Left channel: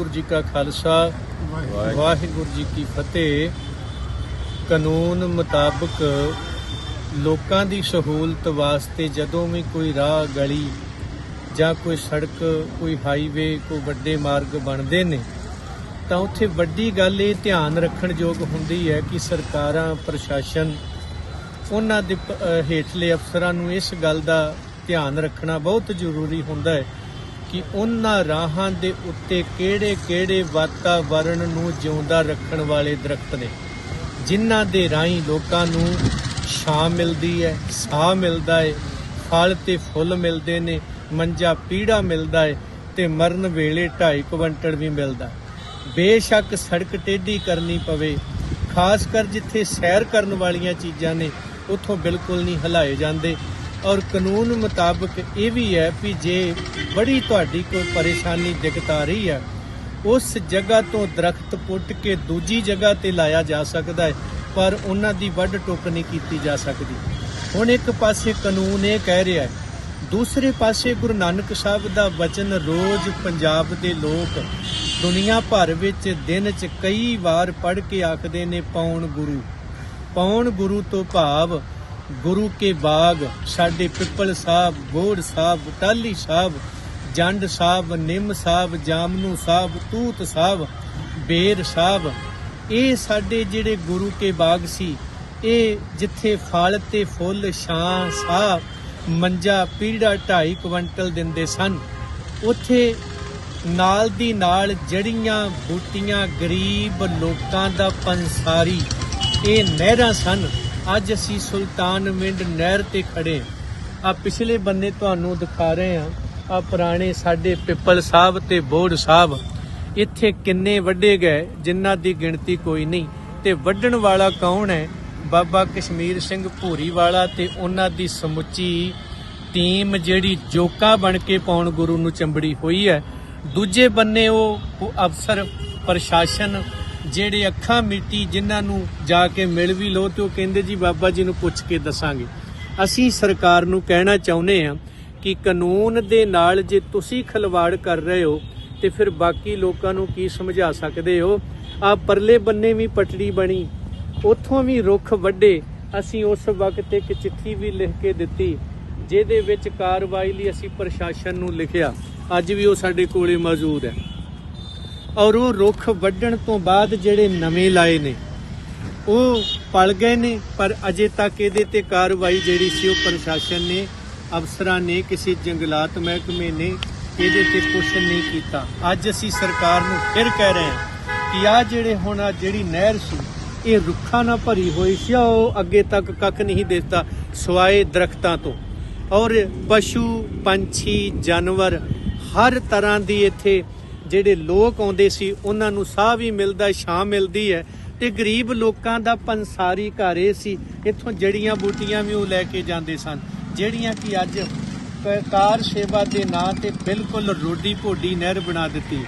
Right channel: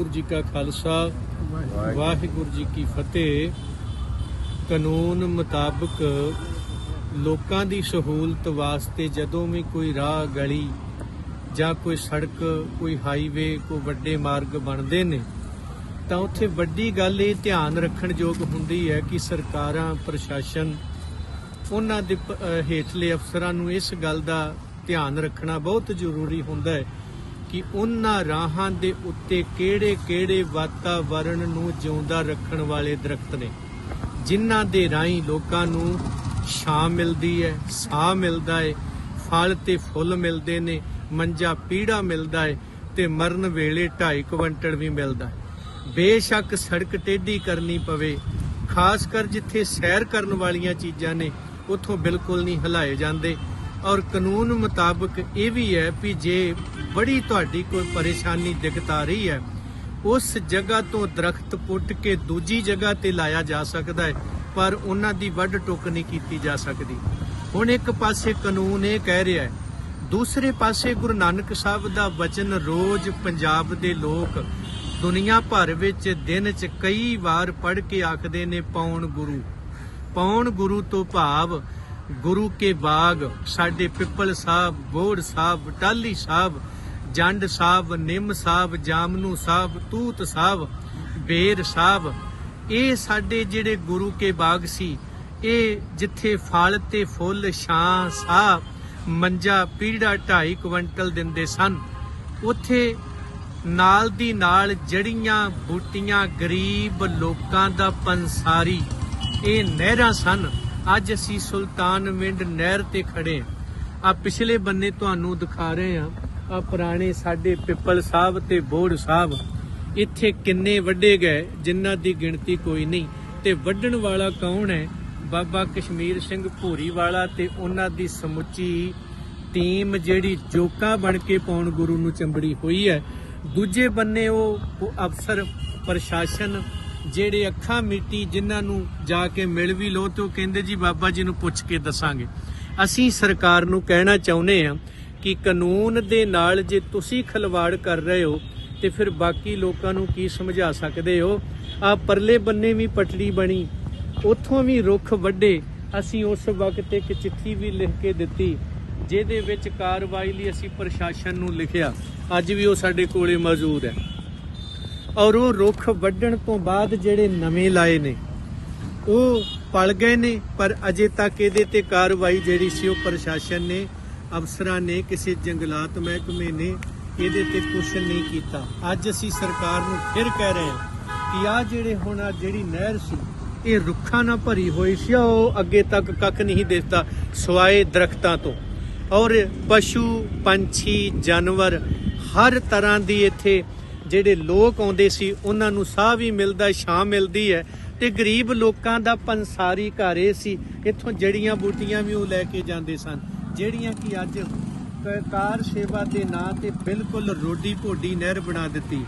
ਵਾਹਿਗੁਰੂ ਜੀ ਕਾ ਖਾਲਸਾ ਵਾਹਿਗੁਰੂ। ਜੀ ਕੀ ਫਤਿਹ। ਕਾਨੂੰਨ ਮੁਤਾਬਕ ਲੋਕਾਂ ਦੀ ਸਹੂਲਤ ਵਾਸਤੇ ਜਦੋਂ ਵੀ ਕੋਈ ਰਾਹ ਗਲੀ ਜਾਂ ਕੋਈ ਸੜਕ ਕੋਈ ਹਾਈਵੇ ਕੋਈ ਵੱਡੇ ਮਾਰਗ ਬਣਦੇ ਨੇ ਤਾਂ ਉੱਥੇ ਵੱਡੀ ਗੱਲ ਇਹ ਧਿਆਨ ਰੱਖਣ ਯੋਗ ਹੁੰਦੀ ਹੈ ਕਿ ਸਰਕਾਰਾਂ ਪ੍ਰਸ਼ਾਸਨ ਉਹਨਾਂ ਦੇ ਹੇਠਲੇ ਅਫਸਰਾਂ ਨੂੰ ਇਸ ਗੱਲ ਦਾ ਧਿਆਨ ਰੱਖਣਾ ਬਹੁਤ ਜ਼ਰੂਰੀ ਹੁੰਦਾ ਹੈ। ਕਿ ਉਹਨਾਂ ਰਾਹਾਂ ਦੇ ਉੱਤੇ ਕਿਹੜੇ-ਕਿਹੜੇ ਵਾਤਾਵਰਣ ਨੂੰ ਜਿਉਂਦਾ ਰੱਖਣ ਵਾਲੇ ਦਰਖਤ ਨੇ, ਜਿਨ੍ਹਾਂ ਦੇ ਰਾਹੀਂ ਲੋਕਾਂ ਨੂੰ ਛਾਂ ਮਿਲਦੀ ਹੈ, ਸਾਹ ਮਿਲਦਾ ਹੈ, ਫਲ ਤੇ ਫੁੱਲ ਮਿਲਦੇ ਨੇ, ਮੰਜਾ ਪੀੜਾ ਮਿਲਦਾ ਹੈ ਤੇ ਮਰਨ ਵੇਲੇ 2.5 ਕੁਇੰਟਲ ਵੀ ਮਿਲਦਾ। ਬੇਸ਼ੱਕ ਸੜਕ ਟੇਢੀ ਕਰਨੀ ਪਵੇ, ਖਾਸ ਕਰ ਜਿੱਥੇ ਸੈਰ ਕਰਨ ਵਾਲੀਆਂ ਚੀਜ਼ਾਂ ਨੇ, ਉੱਥੋਂ ਬਿਲਕੁਲ ਨਹੀਂ ਹਲਾਏ ਜਾਂਦੇ। ਔਰ ਕਾਨੂੰਨ ਮੁਤਾਬਕ ਇਹ ਵੀ ਹੈ ਵੀ ਜੇ ਬੜੀ ਤੁਹਾਡੀ ਕੋਈ ਪਰੇਸ਼ਾਨੀ ਦਿੱਕਤ ਆ ਰਹੀ ਹੈ। ਉਸ ਜਗ੍ਹਾ ਤੋਂ ਦਰਖਤ ਪੁੱਟ ਕੇ ਦੂਜੀ ਜਗ੍ਹਾ ਤੇ ਲਾਇਆ ਜਾ ਸਕਦਾ ਹੈ, ਪਰ ਉਹਨਾਂ ਦੀ ਵੱਢ ਟੁੱਕ ਨਹੀਂ ਕੀਤੀ ਜਾ ਸਕਦੀ। ਹੁਣ ਇੱਕ ਪਾਸੇ ਕਾਨੂੰਨ ਇਹ ਕਹਿ ਰਿਹਾ ਹੈ, ਦੂਸਰੇ ਪਾਸੇ ਗੁਰੂ ਨਾਨਕ ਸਾਹਿਬ ਦਾ ਵਚਨ ਰੋਜ਼ ਪੰਜਾਬ ਦੇ ਲੋਕ ਦੁਨੀਆ ਭਰ ਵਿੱਚ ਦਿਨ 'ਚ ਕਈ ਵਾਰ ਪੜ੍ਹ ਕੇ ਆਖਦੇ ਨੇ, ਪੌਣ ਗੁਰੂ। ਪੌਣ ਗੁਰੂ ਤੋਂ ਭਾਵ ਗੁਰੂ ਕੇ ਬਾਗ, ਸਾਡੇ ਪਿੱਪਲ ਸਾਹਿਬ, ਗੋੜ ਸਾਹਿਬ ਟਾਲੀ ਸਾਹਿਬ ਜੰਡ ਸਾਹਿਬ ਨਿੰਮ ਸਾਹਿਬ ਜਾਮਨੂ ਸਾਹਿਬ ਤੂਤ ਸਾਹਿਬ ਬੇਰ ਸਾਹਿਬ ਇਹ ਸਾਡੇ ਜਿਹੜੇ ਗੁਰੂ ਕੇ ਬਾਗ ਸੀ, ਇਹ ਜਿੱਥੇ ਫਲ ਤੇ ਫੁੱਲ, ਛਾਂ, ਸਾਹ, ਮੰਜਾ, ਪੀੜਾ 2.5 ਕੁਇੰਟਲ ਦਿੰਦੇ ਸਨ। ਉੱਥੇ ਨਾਲ ਦੀ ਨਾਲ ਜੜੀਆਂ, ਬੂਟੀਆਂ, ਗਰੀਬ ਲੋਕਾਂ ਦਾ ਪੰਸਾਰੀ। ਇਹ ਨਹਿਰਾਂ ਸਨ। ਅੱਜ ਅਸੀਂ ਸੁਲਤਾਨ ਮਿੰਡ ਨਹਿਰ ਤੇ ਖੜੇ ਆ ਪਿਛਲੇ ਬੰਨੇ ਤੁਹਾਨੂੰ ਦਿਖਾ ਰਹੇ ਹਾਂ। ਆ ਪੁਰਾਣੇ ਸਾਡੇ ਪਿੱਪਲ ਸਾਹਿਬ ਤੇ ਬੋੜ ਸਾਹਿਬ। ਇੱਥੇ ਕਿੰਨੇ ਵੱਡੇ ਗਏ, ਜਿਨ੍ਹਾਂ ਦੀ ਗਿਣਤੀ ਕੋਈ ਨਹੀਂ। ਤੇ ਵੱਢਣ ਵਾਲਾ ਕੌਣ ਹੈ? ਬਾਬਾ ਕਸ਼ਮੀਰ ਸਿੰਘ ਭੂਰੀ ਵਾਲਾ ਤੇ ਉਹਨਾਂ ਦੀ ਸਮੁੱਚੀ ਟੀਮ ਜਿਹੜੀ ਜੋਕਾ ਬਣ ਕੇ ਪੌਣ ਗੁਰੂ ਨੂੰ ਚੰਬੜੀ ਹੋਈ ਹੈ। ਦੂਜੇ ਬੰਨੇ ਉਹ ਅਫਸਰ ਪ੍ਰਸ਼ਾਸਨ ਜਿਹੜੇ ਅੱਖਾਂ ਮਿੱਟੀ ਜਿਨ੍ਹਾਂ ਨੂੰ ਜਾ ਕੇ ਮਿਲ ਵੀ ਲੋ ਤੇ ਉਹ ਕਹਿੰਦੇ ਜੀ ਬਾਬਾ ਜੀ ਨੂੰ ਪੁੱਛ ਕੇ ਦੱਸਾਂਗੇ। ਅਸੀਂ ਸਰਕਾਰ ਨੂੰ ਕਹਿਣਾ ਚਾਹੁੰਦੇ ਹਾਂ ਕਿ ਕਾਨੂੰਨ ਦੇ ਨਾਲ ਜੇ ਤੁਸੀਂ ਖਲਵਾੜ ਕਰ ਰਹੇ ਹੋ, ਤੇ ਫਿਰ ਬਾਕੀ ਲੋਕਾਂ ਨੂੰ ਕੀ ਸਮਝਾ ਸਕਦੇ ਹੋ? ਆ ਪਰਲੇ ਬੰਨੇ ਵੀ ਪਟੜੀ ਬਣੀ, ਉੱਥੋਂ ਵੀ ਰੁੱਖ ਵੱਡੇ ਅਸੀਂ ਉਸ ਵਕਤ ਇੱਕ ਚਿੱਠੀ ਵੀ ਲਿਖ ਕੇ ਦਿੱਤੀ, ਜਿਹਦੇ ਵਿੱਚ ਕਾਰਵਾਈ ਲਈ ਅਸੀਂ ਪ੍ਰਸ਼ਾਸਨ ਨੂੰ ਲਿਖਿਆ। ਅੱਜ ਵੀ ਉਹ ਸਾਡੇ ਕੋਲੇ ਮੌਜੂਦ ਹੈ। ਔਰ ਉਹ ਰੁੱਖ ਵੱਢਣ ਤੋਂ ਬਾਅਦ ਜਿਹੜੇ ਨਵੇਂ ਲਾਏ ਨੇ, ਉਹ ਪਲ ਗਏ ਨੇ, ਪਰ ਅਜੇ ਤੱਕ ਇਹਦੇ ਤੇ ਕਾਰਵਾਈ ਜਿਹੜੀ ਸੀ ਉਹ ਪ੍ਰਸ਼ਾਸਨ ਨੇ ਅਫਸਰਾਂ ਨੇ ਕਿਸੇ ਜੰਗਲਾਤ ਮਹਿਕਮੇ ਨੇ ਇਹਦੇ ਤੇ ਕੁਝ ਨਹੀਂ ਕੀਤਾ। ਅੱਜ ਅਸੀਂ ਸਰਕਾਰ ਨੂੰ ਫਿਰ ਕਹਿ ਰਹੇ ਹਾਂ ਕਿ ਆ ਜਿਹੜੇ ਹੁਣ ਆ ਜਿਹੜੀ ਨਹਿਰ ਸੀ, ਇਹ ਰੁੱਖਾਂ ਨਾਲ ਭਰੀ ਹੋਈ ਸੀ ਉਹ ਅੱਗੇ ਤੱਕ ਕੱਖ ਨਹੀਂ ਦਿਸਦਾ, ਸਵਾਏ ਦਰਖਤਾਂ ਤੋਂ। ਔਰ ਪਸ਼ੂ, ਪੰਛੀ, ਜਾਨਵਰ, ਹਰ ਤਰ੍ਹਾਂ ਦੀ ਇੱਥੇ ਜਿਹੜੇ ਲੋਕ ਆਉਂਦੇ ਸੀ, ਉਹਨਾਂ ਨੂੰ ਸਾਹ ਵੀ ਮਿਲਦਾ, ਛਾਂ ਮਿਲਦੀ ਹੈ ਤੇ ਗਰੀਬ ਲੋਕਾਂ ਦਾ ਪੰਸਾਰੀ ਘਰ ਇਹ ਸੀ, ਇੱਥੋਂ ਜੜੀਆਂ ਬੂਟੀਆਂ ਵੀ ਉਹ ਲੈ ਕੇ ਜਾਂਦੇ ਸਨ। ਜਿਹੜੀਆਂ ਕਿ ਅੱਜ ਕ- ਕਾਰ ਸੇਵਾ ਦੇ ਨਾਂ ਤੇ ਬਿਲਕੁਲ ਰੋਡੀ ਭੋਡੀ ਨਹਿਰ ਬਣਾ ਦਿੱਤੀ।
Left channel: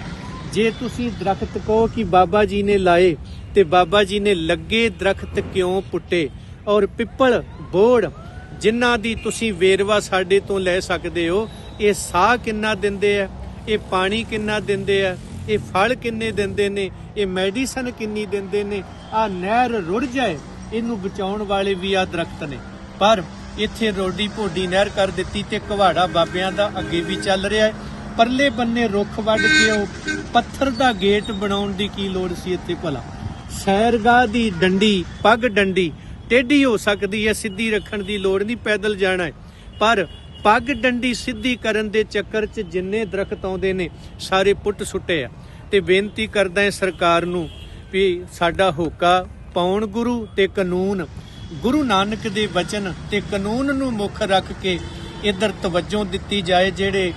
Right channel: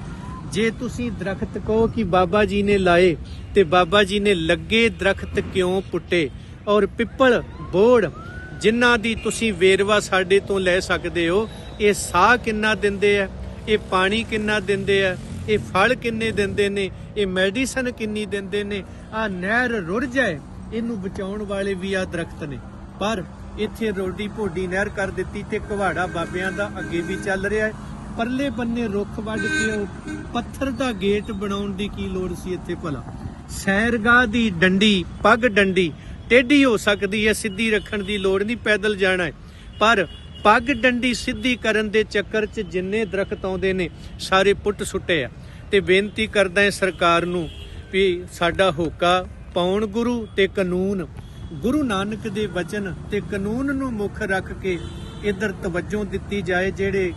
ਜੇ ਤੁਸੀਂ ਦਰਖਤ ਕਹੋ ਕਿ ਬਾਬਾ ਜੀ ਨੇ ਲਾਏ ਤੇ ਬਾਬਾ ਜੀ ਨੇ ਲੱਗੇ ਦਰਖਤ ਕਿਉਂ ਪੁੱਟੇ? ਔਰ ਪਿੱਪਲ, ਬੋੜ, ਜਿਨ੍ਹਾਂ ਦੀ ਤੁਸੀਂ ਵੇਰਵਾ ਸਾਡੇ ਤੋਂ ਲੈ ਸਕਦੇ ਹੋ, ਇਹ ਸਾਹ ਕਿੰਨਾ ਦਿੰਦੇ ਆ? ਇਹ ਪਾਣੀ ਕਿੰਨਾ ਦਿੰਦੇ ਆ? ਇਹ ਫਲ ਕਿੰਨੇ ਦਿੰਦੇ ਨੇ? ਇਹ ਮੈਡੀਸਨ ਕਿੰਨੀ ਦਿੰਦੇ ਨੇ? ਆ ਨਹਿਰ ਰੁੜ ਜਾਏ, ਇਹਨੂੰ ਬਚਾਉਣ ਵਾਲੇ ਵੀ ਆ ਦਰਖਤ ਨੇ। ਪਰ ਇੱਥੇ ਰੋਡੀ ਭੋਡੀ ਨਹਿਰ ਕਰ ਦਿੱਤੀ ਤੇ ਘਵਾੜਾ ਬਾਬਿਆਂ ਦਾ ਅੱਗੇ ਵੀ ਚੱਲ ਰਿਹਾ ਹੈ। ਪਰਲੇ ਬੰਨੇ ਰੁੱਖ ਵੱਢ ਕੇ ਉਹ ਪੱਥਰ ਦਾ ਗੇਟ ਬਣਾਉਣ ਦੀ ਕੀ ਲੋੜ ਸੀ ਇੱਥੇ ਭਲਾ? ਸੈਰਗਾਹ ਦੀ ਡੰਡੀ, ਪੱਗ ਡੰਡੀ, ਟੇਢੀ ਹੋ ਸਕਦੀ ਹੈ, ਸਿੱਧੀ ਰੱਖਣ ਦੀ ਲੋੜ ਨਹੀਂ, ਪੈਦਲ ਜਾਣਾ ਹੈ। ਪਰ ਪੱਗ ਡੰਡੀ ਸਿੱਧੀ ਕਰਨ ਦੇ ਚੱਕਰ 'ਚ ਜਿੰਨੇ ਦਰਖਤ ਆਉਂਦੇ ਨੇ, ਸਾਰੇ ਪੁੱਟ ਸੁੱਟੇ ਆ। ਤੇ ਬੇਨਤੀ ਕਰਦਾ ਹਾਂ ਸਰਕਾਰ ਨੂੰ ਵੀ ਸਾਡਾ ਹੋਕਾ ਪਾਉਣ ਗੁਰੂ ਤੇ ਕਾਨੂੰਨ ਗੁਰੂ ਨਾਨਕ ਦੇ ਵਚਨ ਤੇ ਕਾਨੂੰਨ ਨੂੰ ਮੁੱਖ ਰੱਖ ਕੇ ਇਧਰ ਤਵੱਜੋ ਦਿੱਤੀ ਜਾਏ, ਜਿਹੜੇ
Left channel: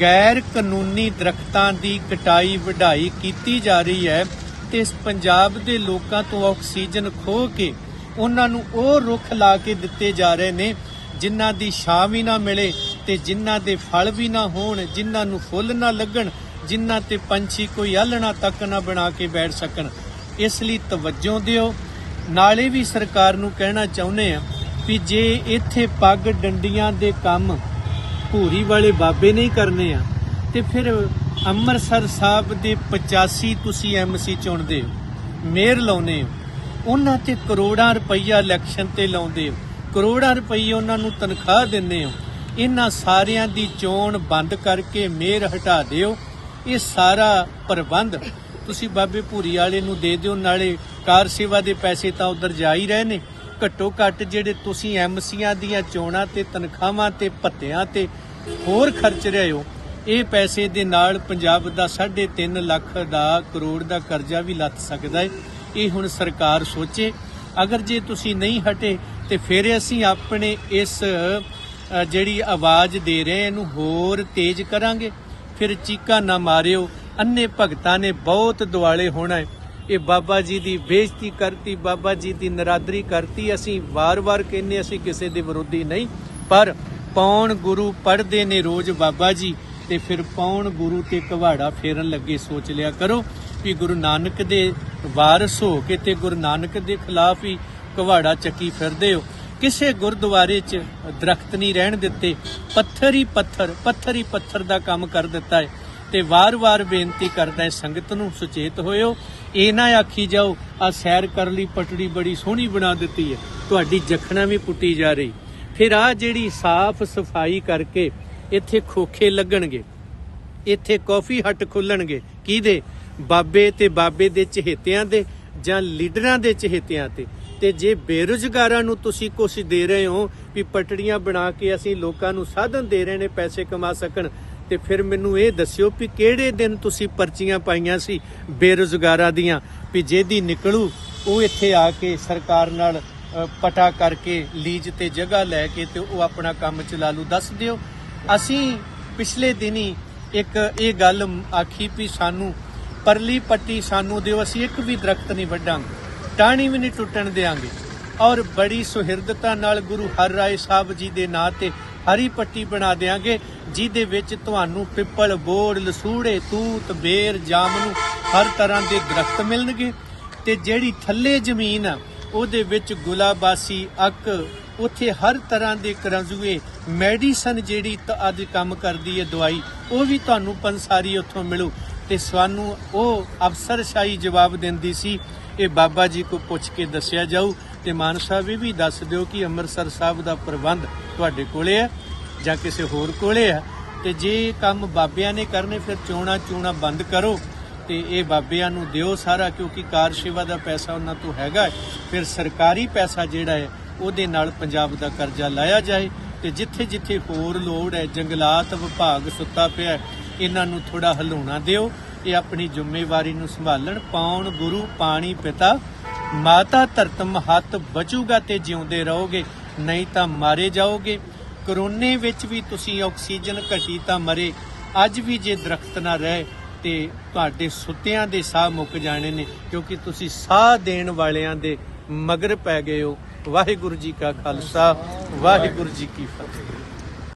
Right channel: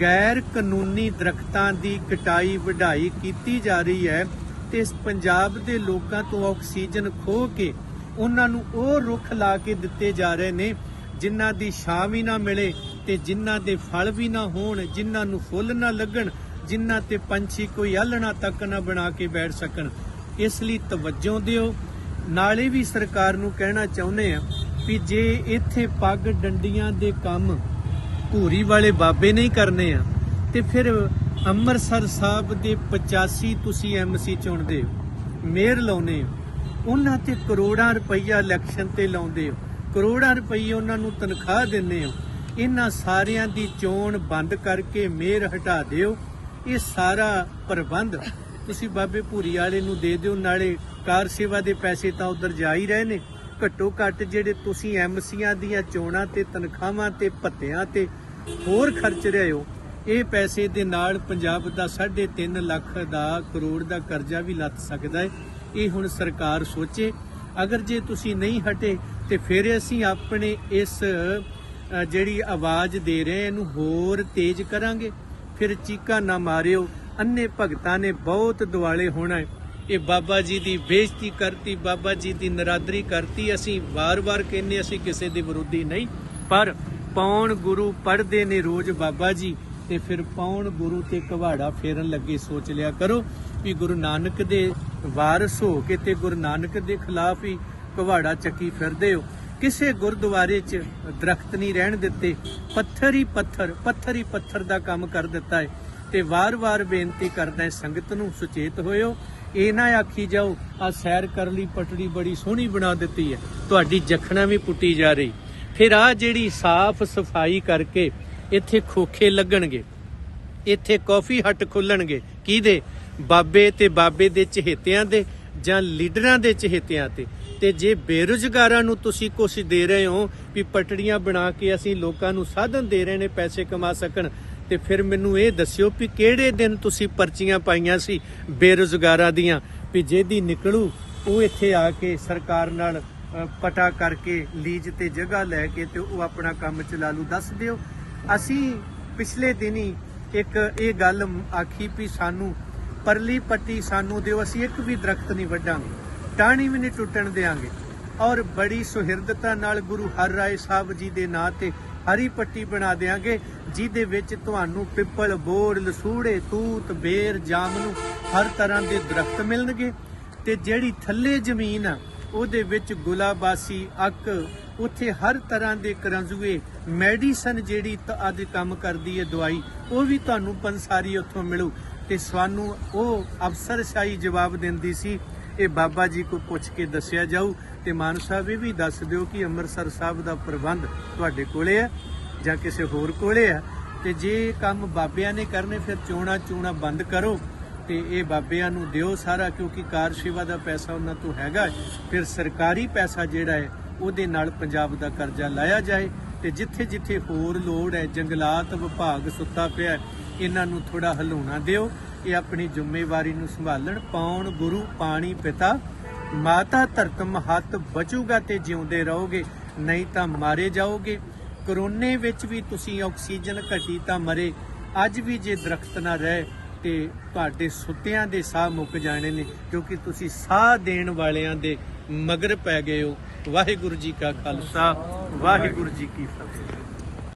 ਗੈਰ ਕਾਨੂੰਨੀ ਦਰਖਤਾਂ ਦੀ ਕਟਾਈ ਵਢਾਈ ਕੀਤੀ ਜਾ ਰਹੀ ਹੈ ਤੇ ਇਸ ਪੰਜਾਬ ਦੇ ਲੋਕਾਂ ਤੋਂ ਆਕਸੀਜਨ ਖੋਹ ਕੇ ਉਹਨਾਂ ਨੂੰ ਉਹ ਰੁੱਖ ਲਾ ਕੇ ਦਿੱਤੇ ਜਾ ਰਹੇ ਨੇ, ਜਿਨ੍ਹਾਂ ਦੀ ਛਾਂ ਵੀ ਨਾ ਮਿਲੇ ਤੇ ਜਿਨ੍ਹਾਂ ਦੇ ਫਲ ਵੀ ਨਾ ਹੋਣ, ਜਿਨ੍ਹਾਂ ਨੂੰ ਫੁੱਲ ਨਾ ਲੱਗਣ, ਜਿਨ੍ਹਾਂ ਤੇ ਪੰਛੀ ਕੋਈ ਆਲਣਾ ਤੱਕ ਨਾ ਬਣਾ ਕੇ ਬੈਠ ਸਕਣ। ਇਸ ਲਈ ਤਵੱਜੋ ਦਿਓ। ਨਾਲੇ ਵੀ ਸਰਕਾਰ ਨੂੰ ਕਹਿਣਾ ਚਾਹੁੰਦੇ ਆ ਵੀ ਜੇ ਇੱਥੇ ਪੱਗ ਡੰਡੀਆਂ ਦੇ ਕੰਮ ਭੂਰੀ ਵਾਲੇ ਬਾਬੇ ਨਹੀਂ ਕਰਨੇ ਆ, ਤੇ ਫਿਰ ਅੰਮ੍ਰਿਤਸਰ ਸਾਹਿਬ ਦੇ 85 ਤੁਸੀਂ ਐਮਸੀ ਚੁਣਦੇ ਹੋ, ਮੇਅਰ ਲਾਉਨੇ ਹੋ, ਉਹਨਾਂ ਤੇ ਕਰੋੜਾਂ ਰੁਪਈਆ ਇਲੈਕਸ਼ਨ ਤੇ ਲਾਉਂਦੇ ਹੋ, ਕਰੋੜਾਂ ਰੁਪਈਏ ਉਹਨਾਂ ਨੂੰ ਤਨਖਾਹ ਦਿੰਦੇ ਹੋ, ਇਹਨਾਂ ਸਾਰਿਆਂ ਦੀ ਚੋਣ ਬੰਦ ਕਰਕੇ ਮੇਅਰ ਹਟਾ ਦਿਓ, ਇਹ ਸਾਰਾ ਪ੍ਰਬੰਧ ਤੁਸੀਂ ਬਾਬੇ ਭੂਰੀ ਵਾਲੇ ਨੂੰ ਦੇ ਦਿਓ, ਨਾਲੇ ਕਾਰ ਸੇਵਾ ਦੇ ਪੈਸੇ ਤਾਂ ਉਧਰ ਜਾ ਹੀ ਰਹੇ ਨੇ। ਘੱਟੋ ਘੱਟ ਜਿਹੜੇ ਤੁਸੀਂ ਐਮਸੀਆਂ ਦੀਆਂ ਚੋਣਾਂ ਤੇ ਤਨਖਾਹਾਂ ਤੇ ਭੱਤਿਆਂ ਤੇ ਹੋਰ ਖਰਚ ਰਹੇ ਹੋ, ਇਹ ਪੈਸੇ ਦੇ ਨਾਲ ਪੰਜਾਬ ਦਾ 3.5 ਲੱਖ ਦਾ ਕਰੋੜ ਦਾ ਕਰਜ਼ਾ ਵੀ ਲੱਥ ਸਕਦਾ ਹੈ। ਇਹ ਹੁਣ ਸਰਕਾਰ ਸੋਚੇ, ਅਗਰ ਜੇ ਤੁਸੀਂ ਨਹੀਂ ਹਟੇ ਤੇ ਫਿਰ ਅਸੀਂ ਆਪਣੇ ਇਸ ਜਿਹੜੀ ਆਵਾਜ਼ ਦੇ ਰਹੇ ਇਹਨੂੰ ਹੋਰ ਤੇਜ਼ ਕਰਾਂਗੇ। ਫਿਰ ਚੀਕਾਂ ਨਾ ਮਾਰਿਓ ਅੰਨੇ ਭਗਤਾਂ ਨੇ ਬਹੁਤ ਦੁਆਲੇ ਹੋਣਾ ਹੈ। ਇਹ ਬਾਬਾ ਜੀ ਦੀ ਬੇਇੱਜ਼ਤੀ ਕਰਤੀ, ਬਾਬਾ ਜੀ ਦੀ ਨਰਾਦਰੀ ਕਰਤੀ। ਅਸੀਂ ਵਾਰ-ਵਾਰ ਕਹਿੰਨੇ ਅਸੀਂ ਕਿਸੇ ਦੇ ਵਿਰੋਧੀ ਨਹੀਂ। ਪਰ ਪੌਣ ਗੁਰੂ ਪੜ੍ਹਦੇ ਨੇ ਰੋਜ਼ ਬਾਬਾ ਜੀ, ਤੇ ਫਿਰ ਪੌਣ ਗੁਰੂ ਤੇ ਕਵਾੜਾ ਫੇਰਨ ਲੱਗੇ, ਸੋਚ ਲਿਆ ਕਰੋ ਵੀ ਗੁਰੂ ਨਾਨਕ ਦੇ ਵਾਰਿਸ ਹੋ ਕੇ ਤੇ ਗੁਰੂ ਨਾਨਕ ਦੇ ਖਿਲਾਫ ਹੀ ਕਵਾੜਾ ਚੱਕੀ ਫਿਰਦੇ ਹੋ। ਕਿਸੇ ਗੁਰਦੁਆਰੇ 'ਚ ਦਰਖਤ ਨਹੀਂ ਰਹਿਣ ਦਿੱਤੇ। ਪੱਥਰ ਹੀ ਪੱਥਰ ਪੱਥਰ ਹੀ ਪੱਥਰ ਦਾ ਕੰਮ ਕਰ ਦਿੱਤਾ ਹੈ। ਤੇ ਵਾਰ-ਵਾਰ ਬੇਨਤੀ ਕਰਦਾ ਹੈ, ਸੰਗਤ ਨੂੰ ਸੁਚੇਤ ਹੋਇਓ। ਇਹ ਨਾ ਆਖੀ ਜਾਓ ਆ ਸੈਰ ਕਰ ਲਈ, ਪਟੜੀ ਬੜੀ ਸੋਹਣੀ ਬਣਾ ਦਿੱਤੀ ਹੈ। ਤੁਹਾਡੀ ਜਖਣਾ ਵੀ ਪੁੱਟੀ ਜਾ ਰਹੀ। ਫਿਰ ਆ ਜਿਹੜੀ ਸਾਫ਼ ਸਫ਼ਾਈ ਕਰਕੇ ਇੱਥੇ ਖੋਖੇ ਲੱਗਣਗੇ, ਇੱਥੇ ਕਾਫੀ ਹੱਟ ਖੁੱਲਣਗੇ, ਕਿਹਦੇ? ਬਾਬੇ ਤੇ ਬਾਬੇ ਦੇ ਚਹੇਤਿਆਂ ਦੇ ਜਾਂ ਲੀਡਰਾਂ ਦੇ ਚਹੇਤਿਆਂ ਤੇ। ਤੇ ਜੇ ਬੇਰੁਜ਼ਗਾਰਾਂ ਨੂੰ ਤੁਸੀਂ ਕੁਛ ਦੇ ਰਹੇ ਹੋ ਵੀ ਪਟੜੀਆਂ ਬਣਾ ਕੇ ਅਸੀਂ ਲੋਕਾਂ ਨੂੰ ਸਾਧਨ ਦੇ ਰਹੇ ਨੇ, ਪੈਸੇ ਕਮਾ ਸਕਣ ਤੇ ਫਿਰ ਮੈਨੂੰ ਇਹ ਦੱਸਿਓ ਵੀ ਕਿਹੜੇ ਦਿਨ ਤੁਸੀਂ ਪਰਚੀਆਂ ਪਾਈਆਂ ਸੀ ਬੇਰੁਜ਼ਗਾਰਾਂ ਦੀਆਂ? ਵੀ ਜਿਹਦੀ ਨਿਕਲੂ, ਉਹ ਇੱਥੇ ਆ ਕੇ ਸਰਕਾਰ ਨਾਲ ਪਟਾ ਕਰਕੇ, ਲੀਜ਼ ਤੇ ਜਗ੍ਹਾ ਲੈ ਕੇ ਤੇ ਉਹ ਆਪਣਾ ਕੰਮ ਚਲਾ ਲੂ। ਦੱਸ ਦਿਓ, ਅਸੀਂ ਪਿਛਲੇ ਦਿਨੀ ਇੱਕ ਇਹ ਗੱਲ ਆਖੀ ਵੀ ਸਾਨੂੰ ਪਰਲੀ ਪੱਟੀ ਸਾਨੂੰ ਦਿਓ, ਅਸੀਂ ਇੱਕ ਵੀ ਦਰਖਤ ਨਹੀਂ ਵੱਢਾਂਗੇ। ਟਾਹਣੀ ਵੀ ਨਹੀਂ ਟੁੱਟਣ ਦੇਾਂਗੇ ਔਰ ਬੜੀ ਸੁਹਿਰਦਤਾ ਨਾਲ ਗੁਰੂ ਹਰ ਰਾਏ ਸਾਹਿਬ ਜੀ ਦੇ ਨਾਂ ਤੇ ਹਰੀ ਪੱਟੀ ਬਣਾ ਦੇਾਂਗੇ ਜਿਹਦੇ ਵਿੱਚ ਤੁਹਾਨੂੰ ਪਿੱਪਲ, ਬੋੜ, ਲਸੂੜੇ, ਤੂਤ, ਬੇਰ ਜਾਮਨੂ ਹਰ ਤਰ੍ਹਾਂ ਦੇ ਦਰਖਤ ਮਿਲਣਗੇ ਤੇ ਜਿਹੜੀ ਥੱਲੇ ਜ਼ਮੀਨ ਆ, ਉਹਦੇ ਵਿੱਚ ਗੁਲਾਬਾਸੀ, ਅੱਕ, ਉੱਥੇ ਹਰ ਤਰ੍ਹਾਂ ਦੇ ਕਰੰਜ਼ੂਏ, ਮੈਡੀਸਨ ਜਿਹੜੀ ਅੱਜ ਕੰਮ ਕਰਦੀ ਹੈ ਦਵਾਈ, ਉਹ ਵੀ ਤੁਹਾਨੂੰ ਪੰਸਾਰੀ ਉੱਥੋਂ ਮਿਲੂ। ਤੇ ਸਾਨੂੰ ਉਹ ਅਫਸਰਸ਼ਾਹੀ ਜਵਾਬ ਦਿੰਦੀ ਸੀ, ਇਹ ਬਾਬਾ ਜੀ ਕੋ ਪੁੱਛ ਕੇ ਦੱਸਿਆ ਜਾਊ ਤੇ ਮਾਨ ਸਾਹਿਬ, ਇਹ ਵੀ ਦੱਸ ਦਿਓ ਕਿ ਅੰਮ੍ਰਿਤਸਰ ਸਾਹਿਬ ਦਾ ਪ੍ਰਬੰਧ ਤੁਹਾਡੇ ਕੋਲੇ ਆ ਜਾਂ ਕਿਸੇ ਹੋਰ ਕੋਲੇ ਆ ਤੇ ਜੇ ਕੰਮ ਬਾਬਿਆਂ ਨੇ ਕਰਨੇ, ਫਿਰ ਚੋਣਾ ਚੋਣਾ ਬੰਦ ਕਰੋ ਤੇ ਇਹ ਬਾਬਿਆਂ ਨੂੰ ਦਿਓ ਸਾਰਾ, ਕਿਉਂਕਿ ਕਾਰ ਸੇਵਾ ਦਾ ਪੈਸਾ ਉਹਨਾਂ ਤੋਂ ਹੈਗਾ ਫਿਰ ਸਰਕਾਰੀ ਪੈਸਾ ਜਿਹੜਾ ਹੈ, ਉਹਦੇ ਨਾਲ ਪੰਜਾਬ ਦਾ ਕਰਜ਼ਾ ਲਾਇਆ ਜਾਏ ਤੇ ਜਿੱਥੇ ਜਿੱਥੇ ਹੋਰ ਲੋੜ ਹੈ, ਜੰਗਲਾਤ ਵਿਭਾਗ ਸੁੱਤਾ ਪਿਆ ਇਹਨਾਂ ਨੂੰ ਥੋੜਾ ਹਲਾਉਣਾ ਦਿਓ ਇਹ ਆਪਣੀ ਜ਼ਿੰਮੇਵਾਰੀ ਨੂੰ ਸੰਭਾਲਣ, ਪਾਉਣ ਗੁਰੂ, ਪਾਣੀ ਪਿਤਾ ਮਾਤਾ ਧਰਤਮ ਹੱਥ ਬਚੂਗਾ ਤੇ ਜਿਉਂਦੇ ਰਹੋਗੇ, ਨਹੀਂ ਤਾਂ ਮਾਰੇ ਜਾਓਗੇ। ਕਰੋਨੇ ਵਿੱਚ ਵੀ ਤੁਸੀਂ ਆਕਸੀਜਨ ਘਟੀ ਤਾਂ ਮਰੇ। ਅੱਜ ਵੀ ਜੇ ਦਰਖਤ ਨਾ ਰਹੇ, ਤੇ ਤੁਹਾਡੇ ਸੁੱਤਿਆਂ ਦੇ ਸਾਹ ਮੁੱਕ ਜਾਣੇ ਨੇ, ਕਿਉਂਕਿ ਤੁਸੀਂ ਸਾਹ ਦੇਣ ਵਾਲਿਆਂ ਦੇ ਮਗਰ ਪੈ ਗਏ ਹੋ। ਵਾਹਿਗੁਰੂ ਜੀ ਕਾ ਖਾਲਸਾ, ਵਾਹਿਗੁਰੂ ਜੀ ਕੀ ਫਤਿਹ।